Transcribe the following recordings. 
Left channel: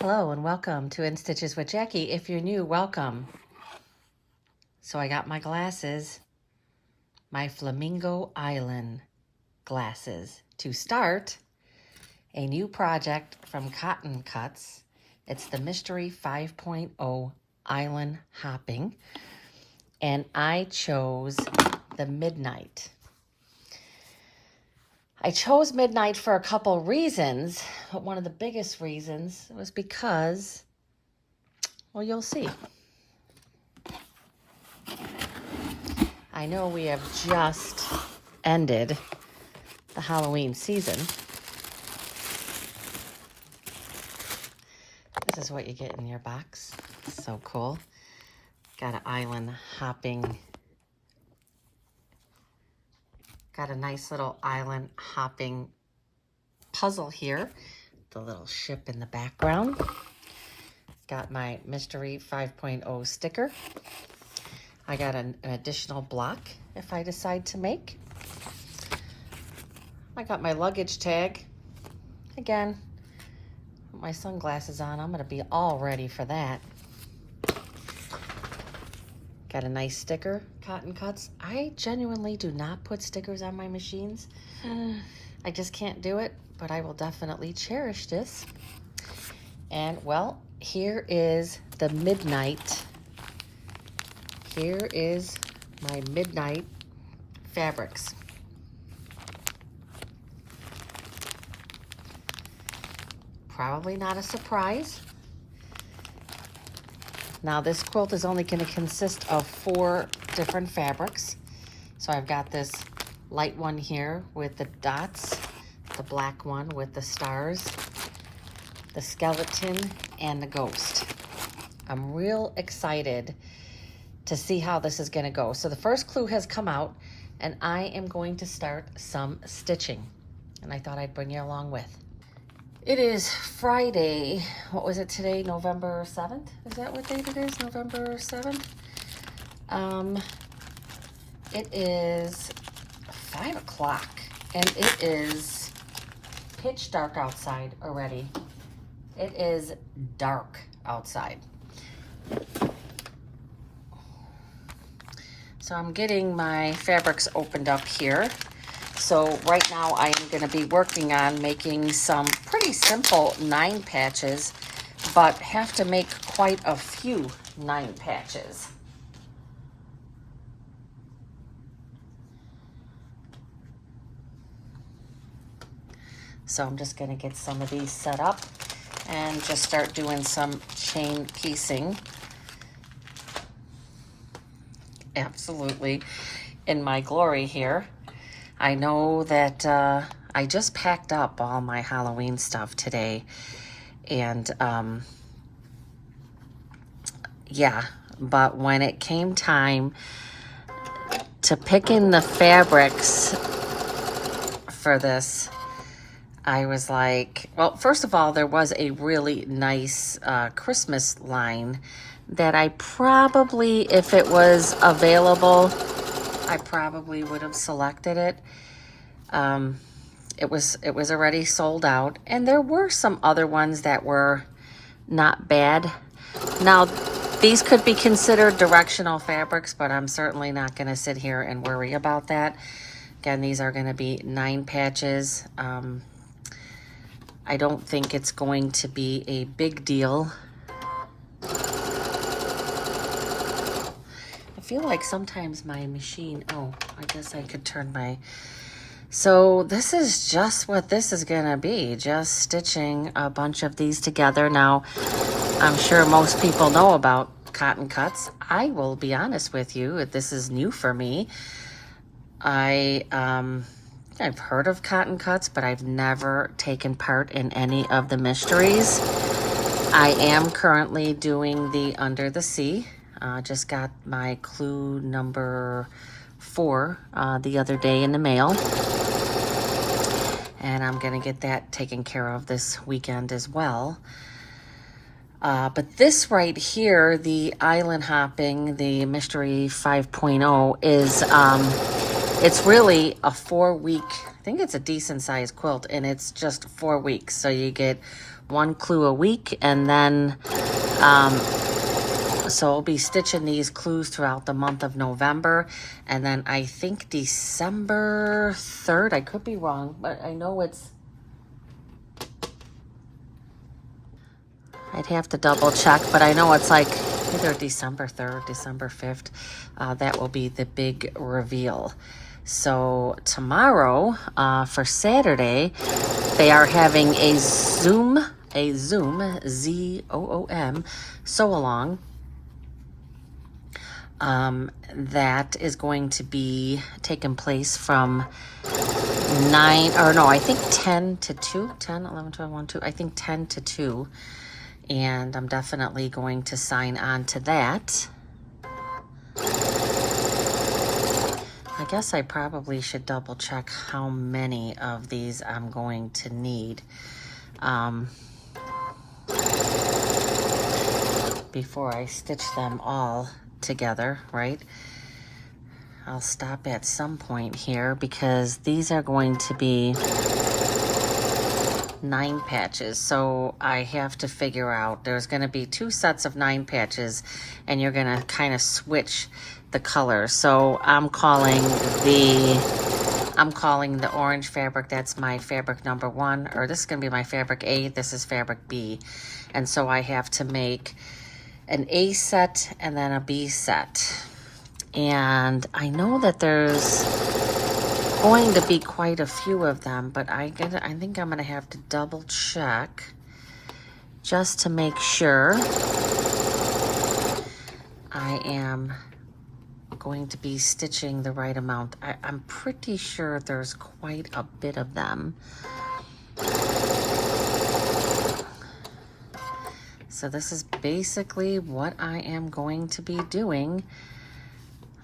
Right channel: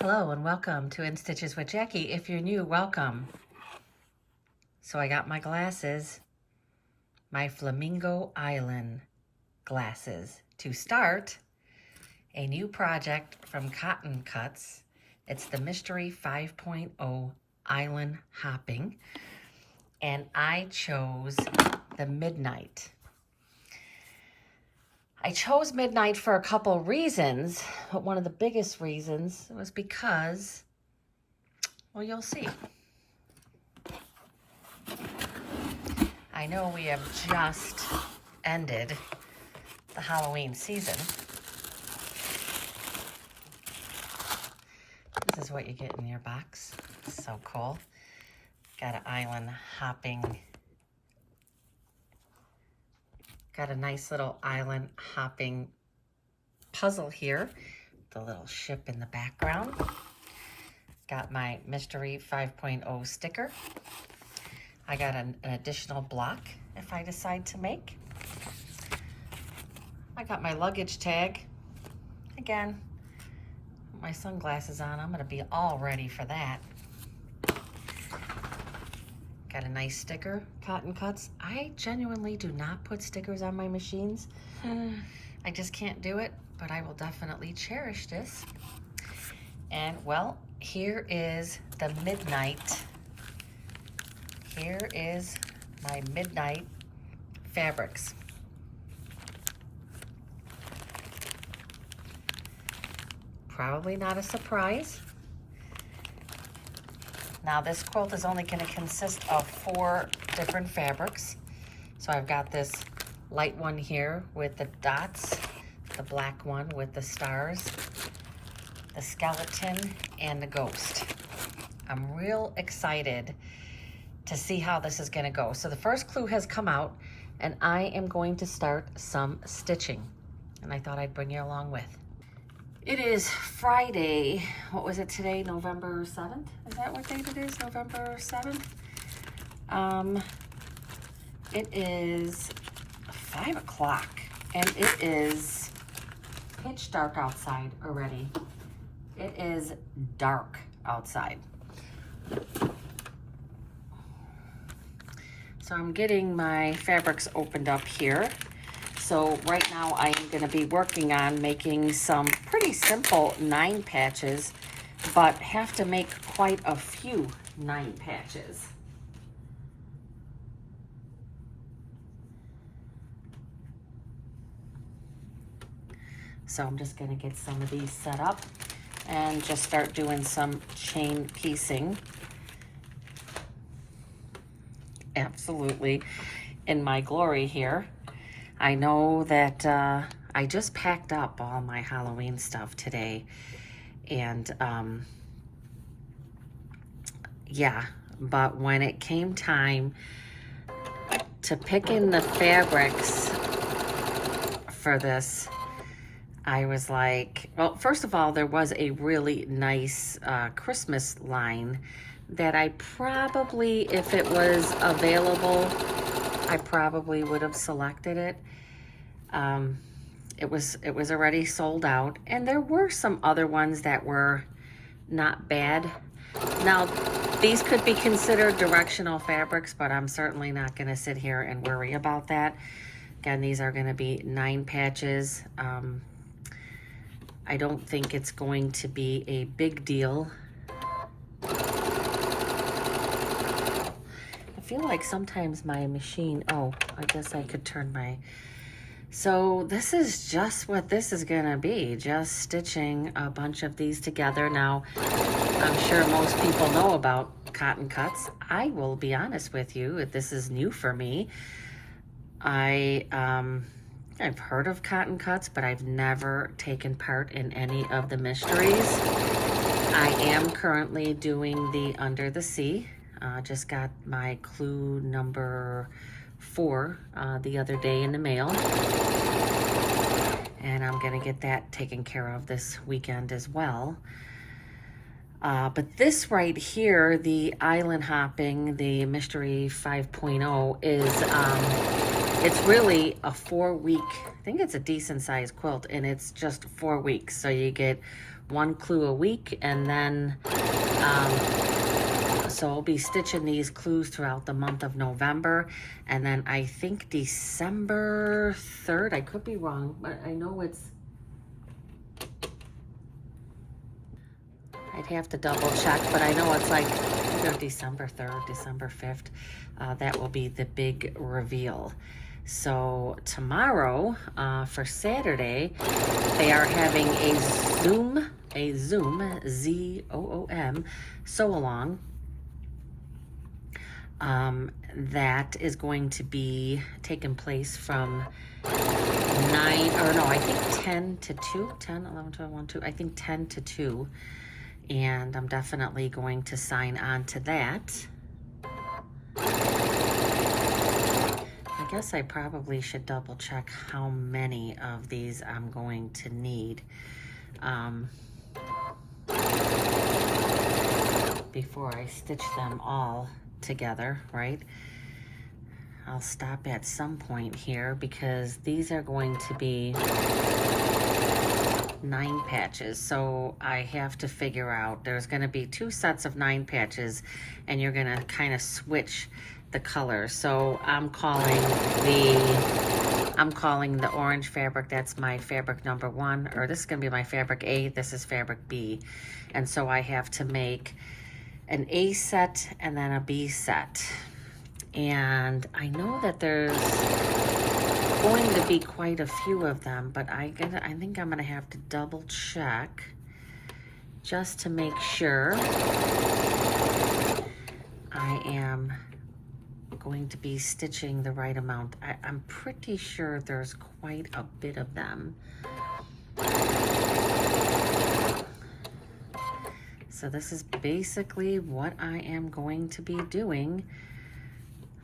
Hello and welcome to In Stitches with Jackie. If you're new, welcome. So I got my glasses, my Flamingo Island glasses, to start a new project from Cotton Cuts. It's the Mystery 5.0 Island Hopping, and I chose the Midnight. I chose Midnight for a couple reasons, but one of the biggest reasons was because, well, you'll see. I know we have just ended the Halloween season. This is what you get in your box. So cool. Got an island hopping. Got a nice little island hopping puzzle here. The little ship in the background. Got my Mystery 5.0 sticker. I got an additional block if I decide to make. I got my luggage tag. Again, with my sunglasses on, I'm gonna be all ready for that. Got a nice sticker, Cotton Cuts. I genuinely do not put stickers on my machines. I just can't do it, but I will definitely cherish this. And well, here is the Midnight. Here is my Midnight fabrics. Probably not a surprise. Now this quilt is only going to consist of 4 different fabrics. So I've got this light one here with the dots, the black one with the stars, the skeleton, and the ghost. I'm real excited to see how this is going to go. So the first clue has come out, and I am going to start some stitching. And I thought I'd bring you along with. It is Friday. What was it today? November 7th? Is that what date it is? November 7th? It is 5 o'clock, and it is pitch dark outside already. It is dark outside. So I'm getting my fabrics opened up here. So right now I am going to be working on making some pretty simple 9 patches, but have to make quite a few 9 patches. So I'm just going to get some of these set up and just start doing some chain piecing. Absolutely in my glory here. I know that I just packed up all my Halloween stuff today, and yeah, but when it came time to pick in the fabrics for this, I was like, well, first of all, there was a really nice Christmas line that I probably, if it was available, I probably would have selected it. It was already sold out, and there were some other ones that were not bad. Now, these could be considered directional fabrics, but I'm certainly not going to sit here and worry about that. Again, these are going to be 9 patches. I don't think it's going to be a big deal. I feel like sometimes my machine, oh, I guess I could turn my, so this is just what this is gonna be, just stitching a bunch of these together. Now, I'm sure most people know about Cotton Cuts. I will be honest with you, this is new for me. I've heard of Cotton Cuts, but I've never taken part in any of the mysteries. I am currently doing the Under the Sea. Just got my clue number 4 the other day in the mail. And I'm gonna get that taken care of this weekend as well. But this right here, the island hopping, the Mystery 5.0 is, it's really a 4-week, I think it's a decent sized quilt, and it's just 4 weeks. So you get 1 clue a week, and then so I'll be stitching these clues throughout the month of November, and then I think December 3rd, I could be wrong, but I know it's, I'd have to double check, but I know it's like either December 3rd, December 5th. That will be the big reveal. So tomorrow, for Saturday, they are having a Zoom, Z-O-O-M, sew along. That is going to be taking place from 9, or no, I think 10 to 2, 10, 11, 12, 1, 2, I think 10 to 2. And I'm definitely going to sign on to that. I guess I probably should double check how many of these I'm going to need before I stitch them all together, right? I'll stop at some point here because these are going to be 9 patches, so I have to figure out, there's going to be 2 sets of 9 patches, and you're going to kind of switch the colors. So I'm calling the orange fabric, that's my fabric number 1, or this is going to be my fabric A, this is fabric B. And so I have to make an A set and then a B set. And I know that there's going to be quite a few of them, but I think I'm going to have to double check just to make sure I am going to be stitching the right amount. I'm pretty sure there's quite a bit of them. So this is basically what I am going to be doing.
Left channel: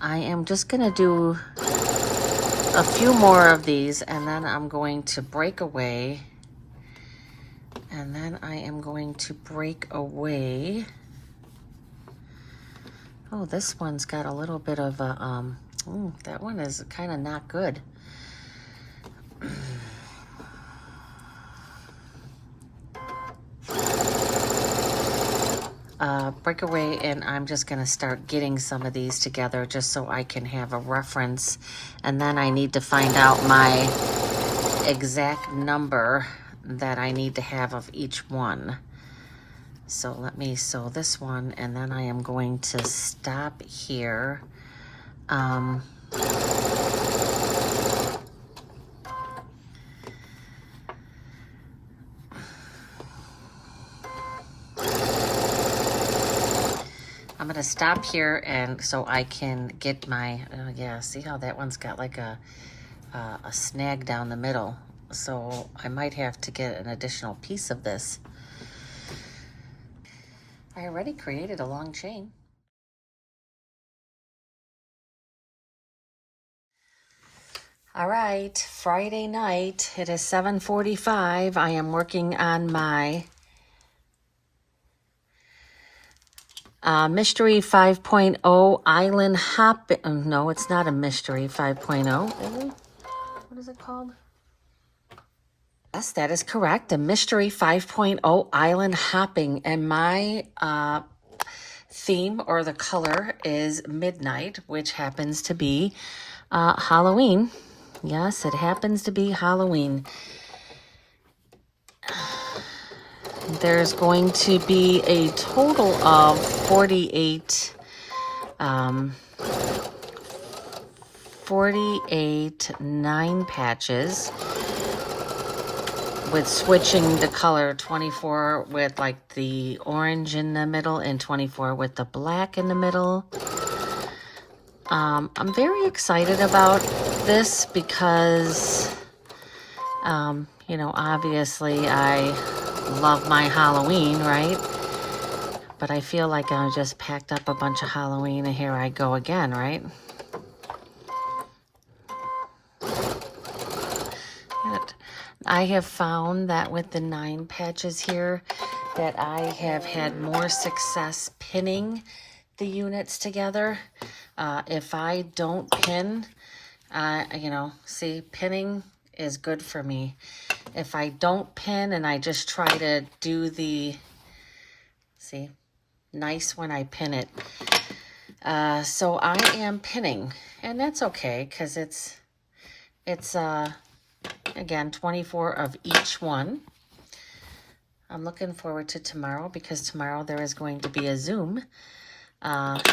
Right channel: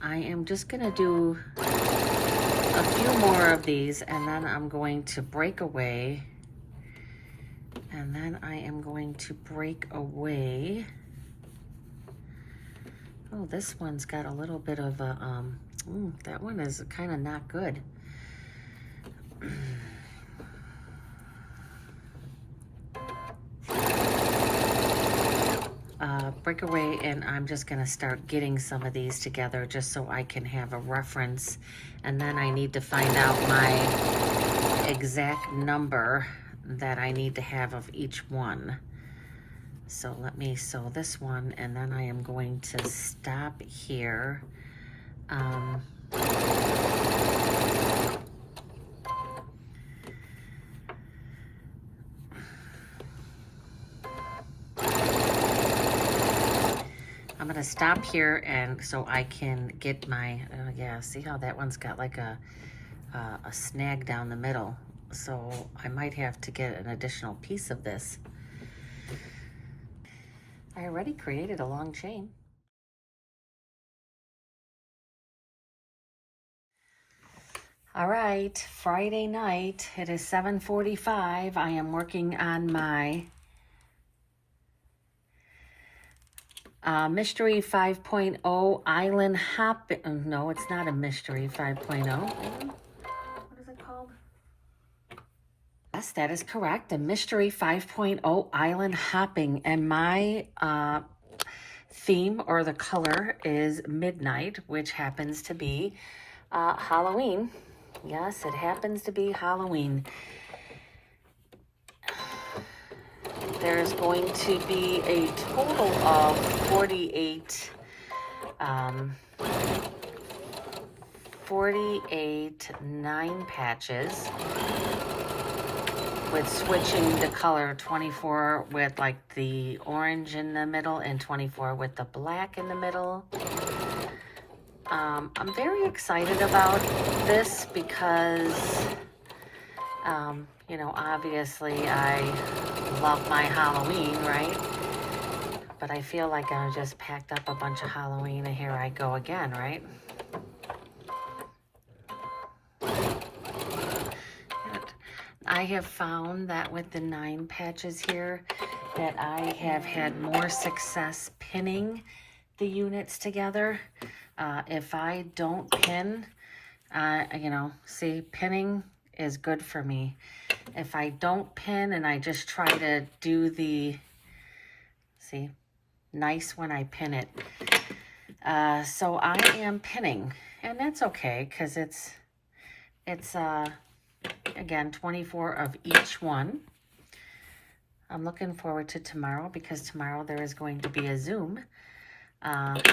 I am just going to do a few more of these, and then I'm going to break away. And then I am going to break away. Oh, this one's got a little bit of a, that one is kind of not good. Break away, and I'm just going to start getting some of these together just so I can have a reference, and then I need to find out my exact number that I need to have of each one. So let me sew this one, and then I am going to stop here. I'm going to stop here, and so I can get my, yeah, see how that one's got like a snag down the middle. So I might have to get an additional piece of this. I already created a long chain. All right, Friday night, it is 7:45. I am working on my Mystery 5.0 Island Hop. No, it's not a Mystery 5.0. What is it called? Yes, that is correct. A Mystery 5.0 Island Hopping. And my theme, or the color, is Midnight, which happens to be Halloween. Yes, it happens to be Halloween. There's going to be a total of 48 9 patches, with switching the color, 24 with like the orange in the middle and 24 with the black in the middle. I'm very excited about this because you know, obviously I love my Halloween, right? But I feel like I just packed up a bunch of Halloween, and here I go again, right? But I have found that with the 9 patches here, that I have had more success pinning the units together. If I don't pin, you know, see, pinning is good for me. if I don't pin and I just try to do the, see, nice when I pin it. So I am pinning, and that's okay because it's again 24 of each one. I'm looking forward to tomorrow because tomorrow there is going to be a Zoom,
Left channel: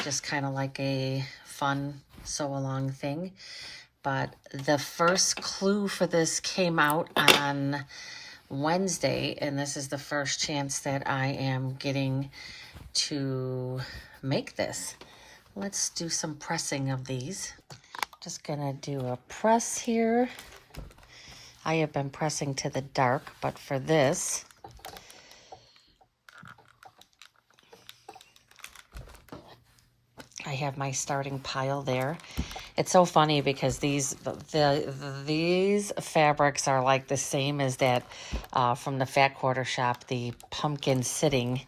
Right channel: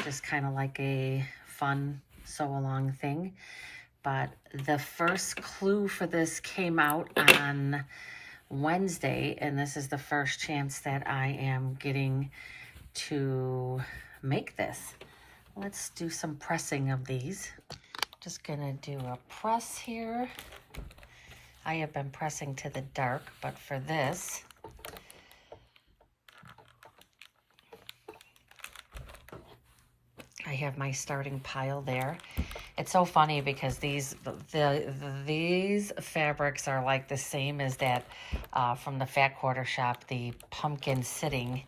just kind of like a fun sew-along thing. But the first clue for this came out on Wednesday, and this is the first chance that I am getting to make this. Let's do some pressing of these. Just gonna do a press here. I have been pressing to the dark, but for this, I have my starting pile there. It's so funny because these fabrics are like the same as that from the Fat Quarter shop, the pumpkin sitting.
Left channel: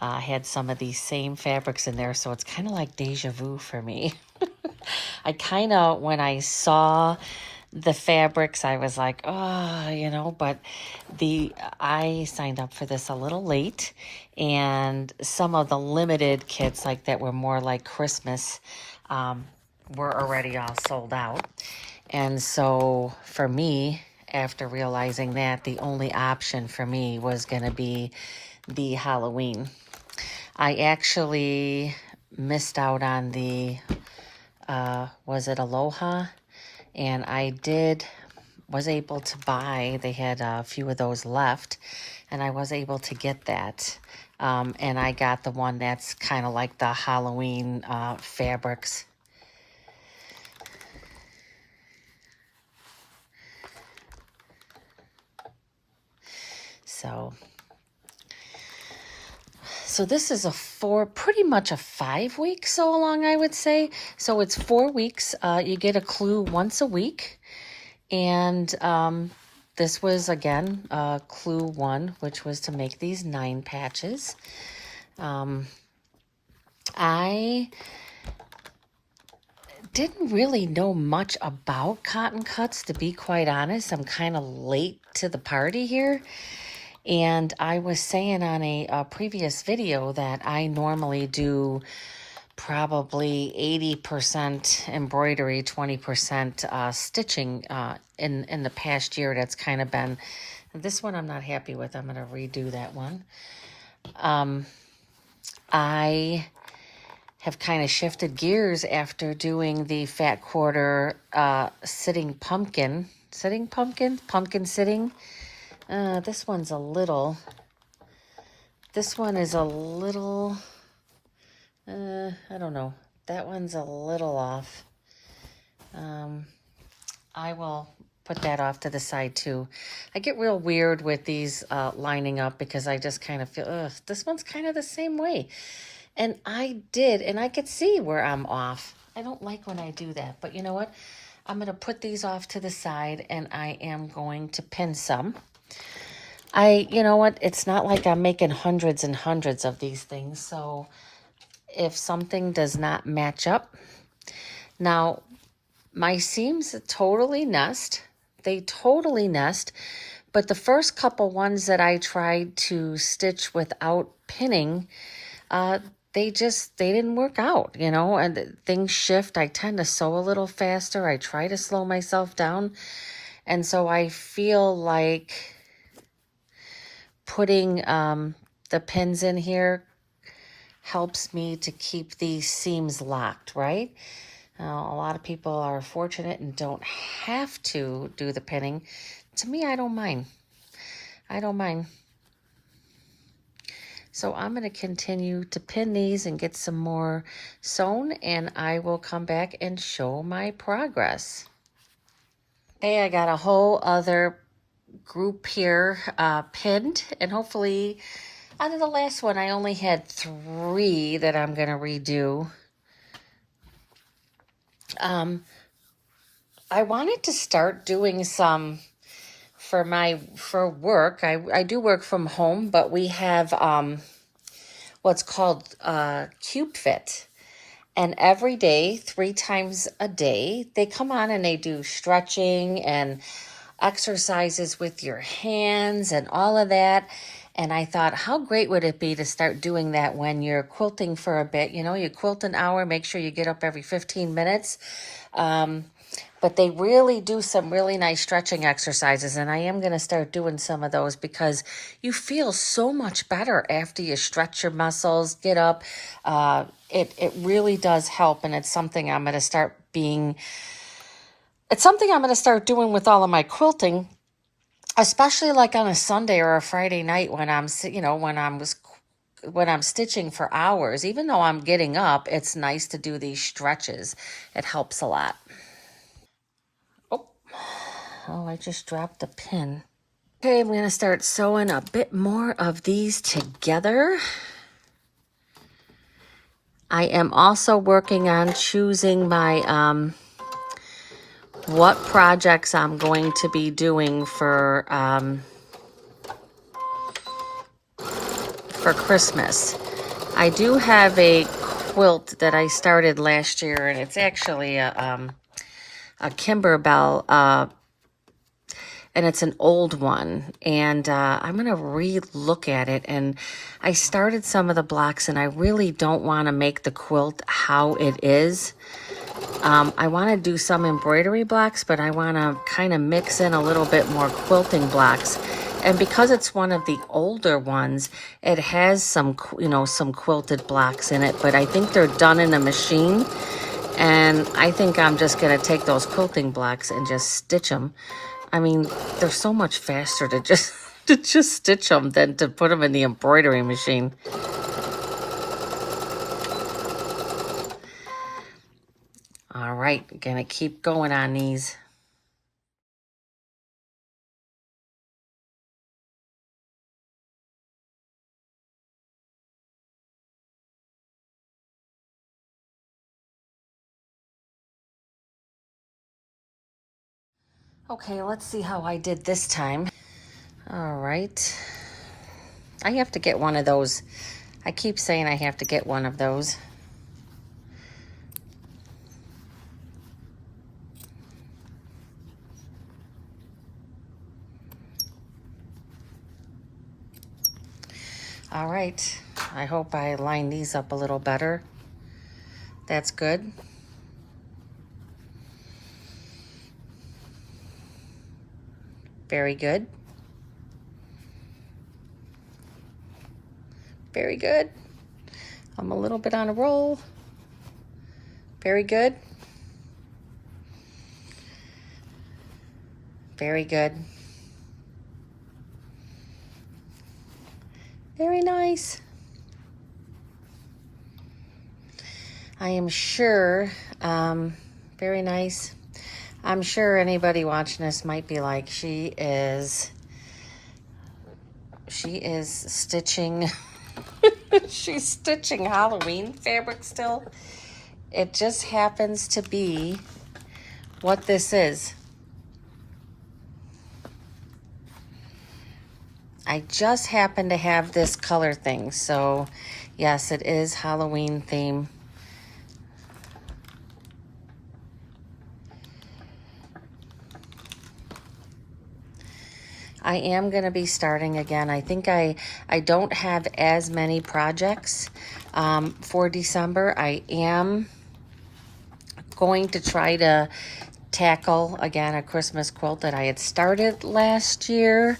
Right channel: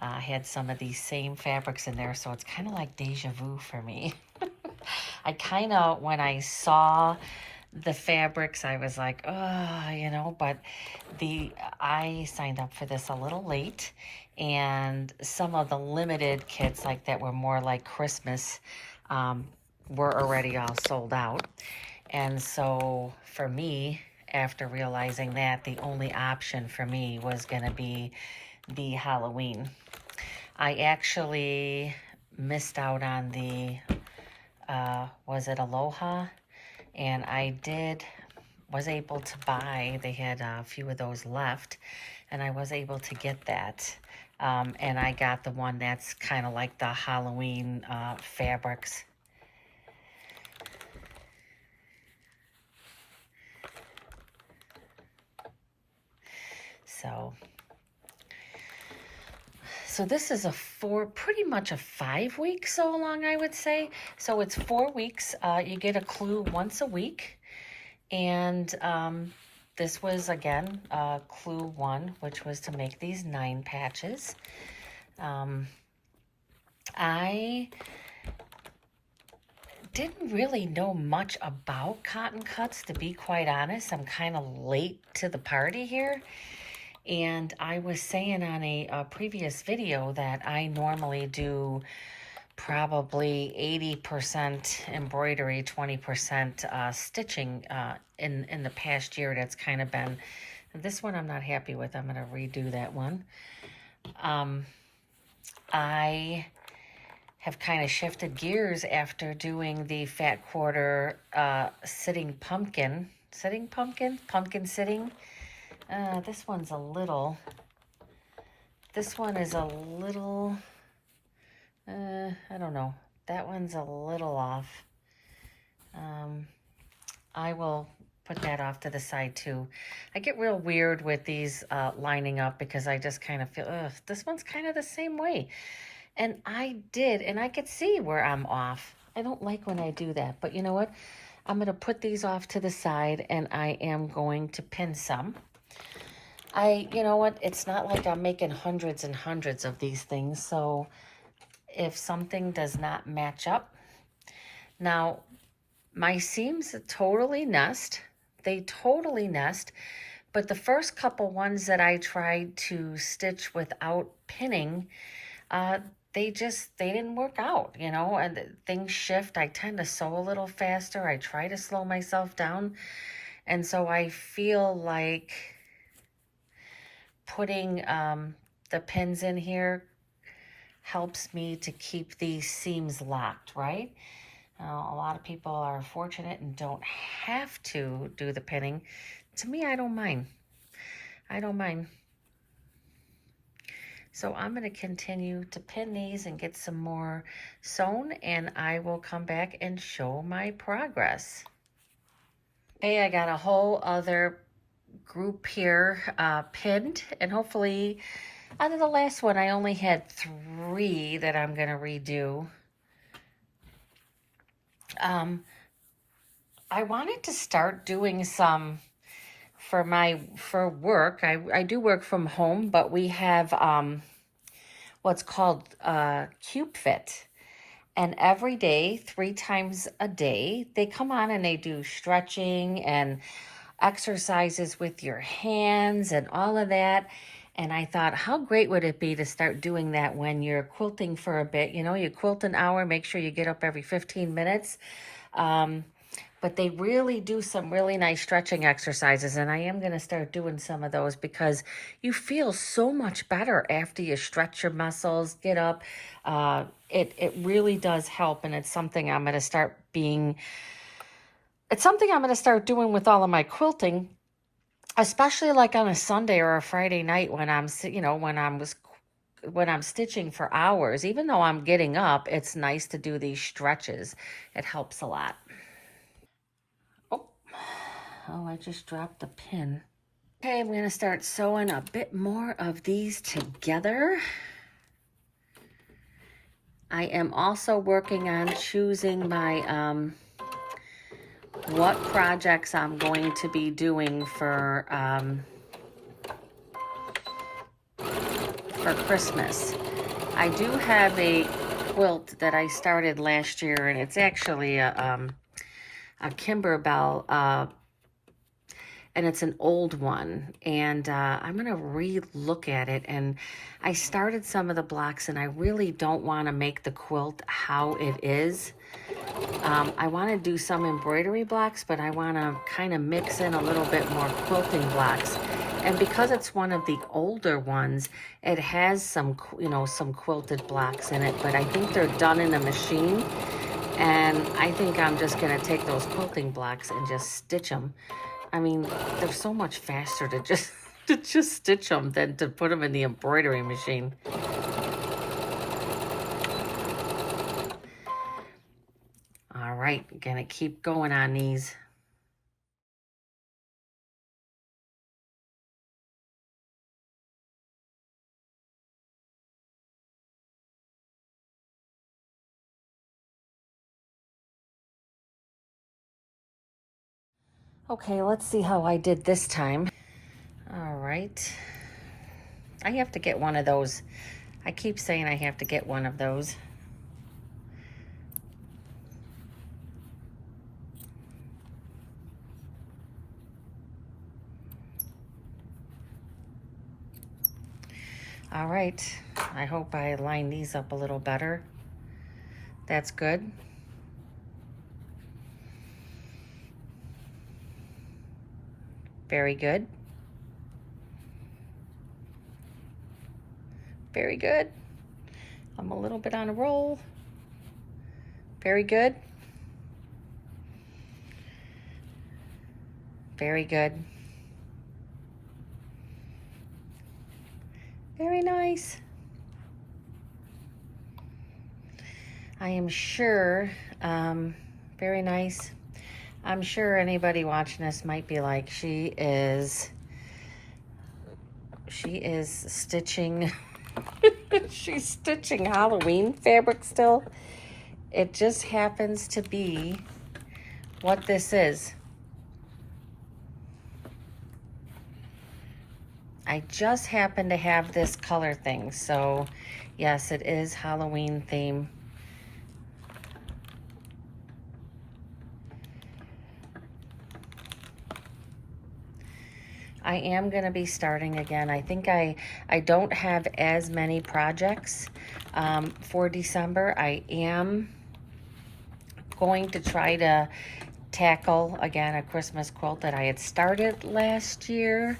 Had some of these same fabrics in there, so it's kind of like deja vu for me. I kind of, when I saw the fabrics, I was like, oh, you know, but I signed up for this a little late, and some of the limited kits, like that were more like Christmas, were already all sold out. And so for me, after realizing that, the only option for me was going to be the Halloween. I actually missed out on the, was it Aloha? And I was able to buy, they had a few of those left, and I was able to get that. And I got the one that's kind of like the Halloween fabrics. So this is pretty much a 5-week sew along, I would say. So it's 4 weeks. You get a clue once a week. And this was, again, clue 1, which was to make these 9 patches. I didn't really know much about cotton cuts, to be quite honest. I'm kind of late to the party here. And I was saying on a previous video that I normally do probably 80% embroidery, 20% stitching in the past year. That's kind of been, this one I'm not happy with. I'm going to redo that one. I have kind of shifted gears after doing the Fat Quarter pumpkin sitting. This one is a little, I don't know. That one's a little off. I will put that off to the side too. I get real weird with these lining up because I just kind of feel, ugh, this one's kind of the same way. And I could see where I'm off. I don't like when I do that, but you know what? I'm going to put these off to the side and I am going to pin some. You know what? It's not like I'm making hundreds and hundreds of these things. So if something does not match up, now my seams totally nest. They totally nest. But the first couple ones that I tried to stitch without pinning, they didn't work out, you know, and things shift. I tend to sew a little faster. I try to slow myself down. And so I feel like putting the pins in here helps me to keep these seams locked, right? A lot of people are fortunate and don't have to do the pinning. To me, I don't mind. So I'm going to continue to pin these and get some more sewn, and I will come back and show my progress. Hey, I got a whole other group here pinned, and hopefully out of the last one, I only had 3 that I'm going to redo. I wanted to start doing some for work. I do work from home, but we have what's called Cube Fit. And every day, 3 times a day, they come on and they do stretching and exercises with your hands and all of that. And I thought, how great would it be to start doing that when you're quilting for a bit? You know, you quilt an hour, make sure you get up every 15 minutes. But they really do some really nice stretching exercises, and I am going to start doing some of those because you feel so much better after you stretch your muscles, get up. It really does help, and it's something I'm going to start doing with all of my quilting, especially like on a Sunday or a Friday night when when I'm stitching for hours. Even though I'm getting up, it's nice to do these stretches. It helps a lot. Oh, I just dropped a pin. Okay, I'm going to start sewing a bit more of these together. I am also working on choosing my what projects I'm going to be doing for Christmas. I do have a quilt that I started last year, and it's actually a Kimberbell, and it's an old one, and I'm going to re-look at it. And I started some of the blocks, and I really don't want to make the quilt how it is. I want to do some embroidery blocks, but I want to kind of mix in a little bit more quilting blocks. And because it's one of the older ones, it has some, some quilted blocks in it, but I think they're done in a machine. And I think I'm just going to take those quilting blocks and just stitch them. I mean, they're so much faster to just stitch them than to put them in the embroidery machine. All right, gonna keep going on these. Okay, let's see how I did this time. All right. I have to get one of those. I keep saying I have to get one of those. All right. I hope I line these up a little better. That's good. Very good. Very good. I'm a little bit on a roll. Very good. Very good. Very nice. I am sure, very nice. I'm sure anybody watching this might be like, she is stitching, she's stitching Halloween fabric still. It just happens to be what this is. I just happen to have this color thing, so yes, it is Halloween theme. I am going to be starting again. I think I don't have as many projects for December. I am going to try to tackle again a Christmas quilt that I had started last year.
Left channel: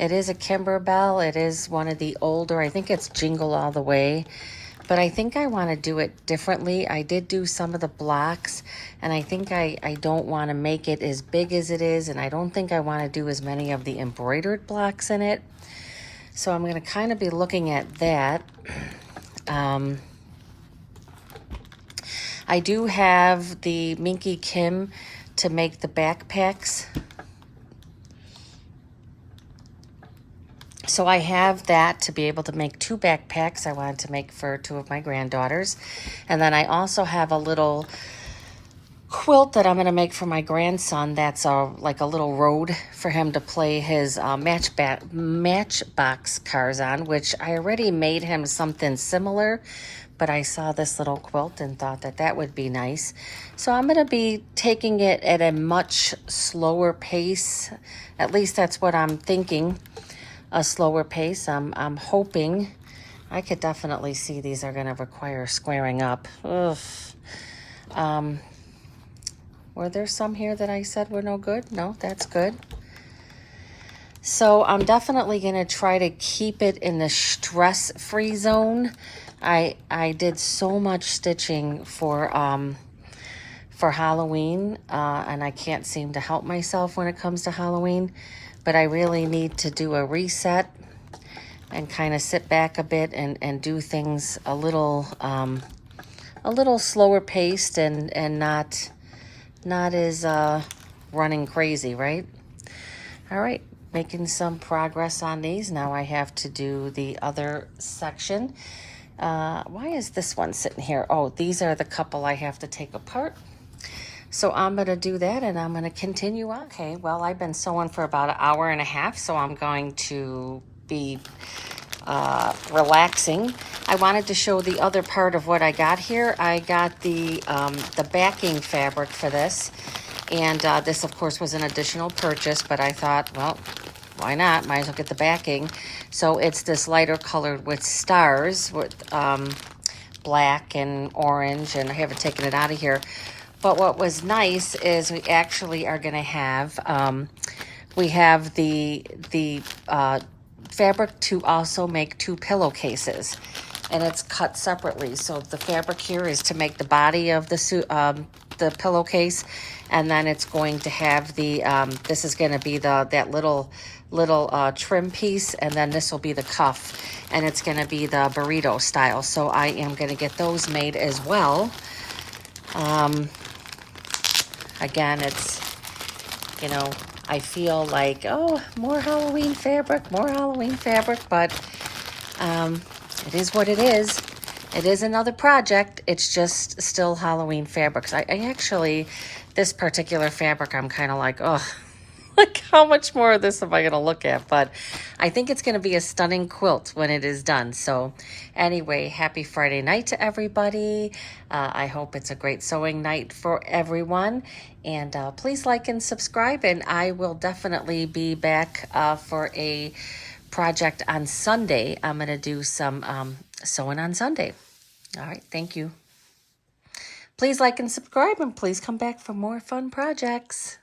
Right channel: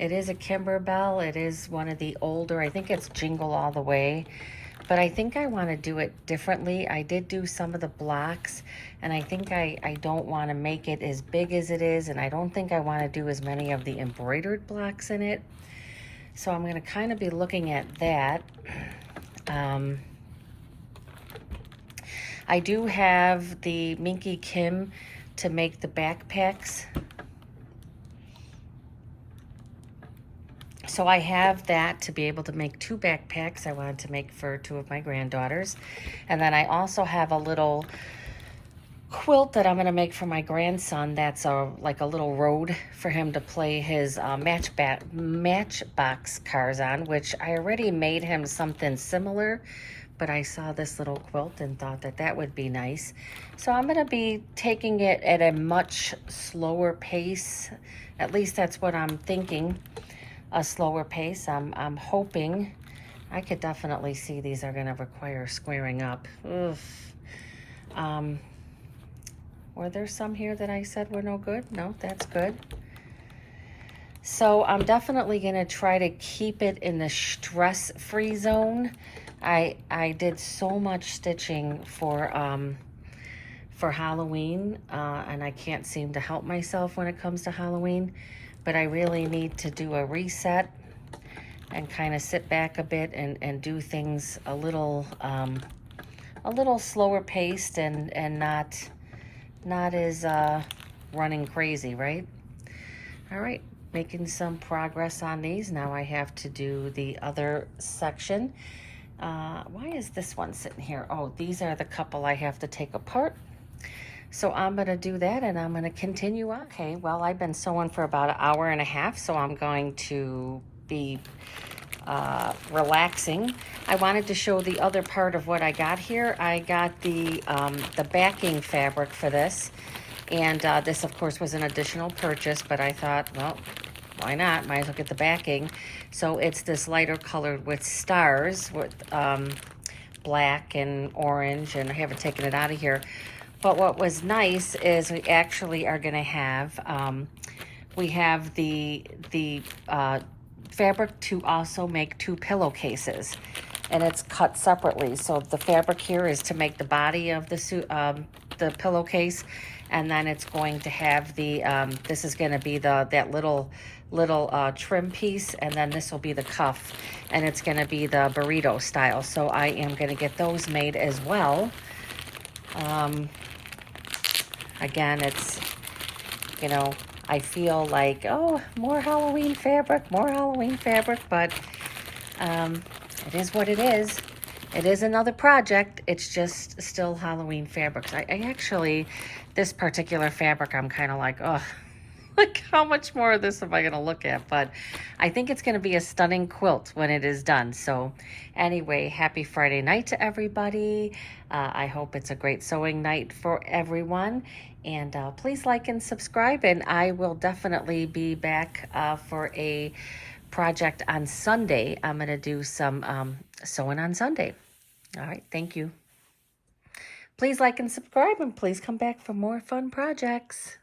It is a Kimberbell. It is one of the older, I think it's Jingle All the Way. But I think I want to do it differently. I did do some of the blocks, and I think I don't want to make it as big as it is, and I don't think I want to do as many of the embroidered blocks in it. So I'm going to kind of be looking at that. I do have the Minky Kim to make the backpacks. So I have that to be able to make 2 backpacks I wanted to make for 2 of my granddaughters. And then I also have a little quilt that I'm going to make for my grandson that's like a little road for him to play his Matchbox cars on, which I already made him something similar, but I saw this little quilt and thought that that would be nice. So I'm going to be taking it at a much slower pace. At least that's what I'm thinking, a slower pace. I'm hoping. I could definitely see these are going to require squaring up. Ugh. Were there some here that I said were no good? No, that's good. So I'm definitely going to try to keep it in the stress-free zone. I did so much stitching for Halloween, and I can't seem to help myself when it comes to Halloween. But I really need to do a reset and kind of sit back a bit and do things a little slower paced and not as running crazy, right? All right, making some progress on these. Now I have to do the other section. Why is this one sitting here? Oh, these are the couple I have to take apart. So I'm going to do that and I'm going to continue on. Okay, well, I've been sewing for about an hour and a half, so I'm going to be relaxing. I wanted to show the other part of what I got here. I got the backing fabric for this. And this, of course, was an additional purchase, but I thought, well, why not? Might as well get the backing. So it's this lighter colored with stars, with black and orange, and I haven't taken it out of here. But what was nice is we actually are going to have, we have the fabric to also make 2 pillowcases, and it's cut separately. So the fabric here is to make the body of the pillowcase, and then it's going to have the this is going to be that little trim piece, and then this will be the cuff, and it's going to be the burrito style. So I am going to get those made as well. Again, it's, you know, I feel like, oh, more Halloween fabric, but it is what it is. It is another project. It's just still Halloween fabrics. I actually, this particular fabric, I'm kind of like, oh, like how much more of this am I going to look at? But I think it's going to be a stunning quilt when it is done. So anyway, happy Friday night to everybody. I hope it's a great sewing night for everyone. And please like and subscribe. And I will definitely be back for a project on Sunday. I'm going to do some sewing on Sunday. All right, thank you. Please like and subscribe, and please come back for more fun projects.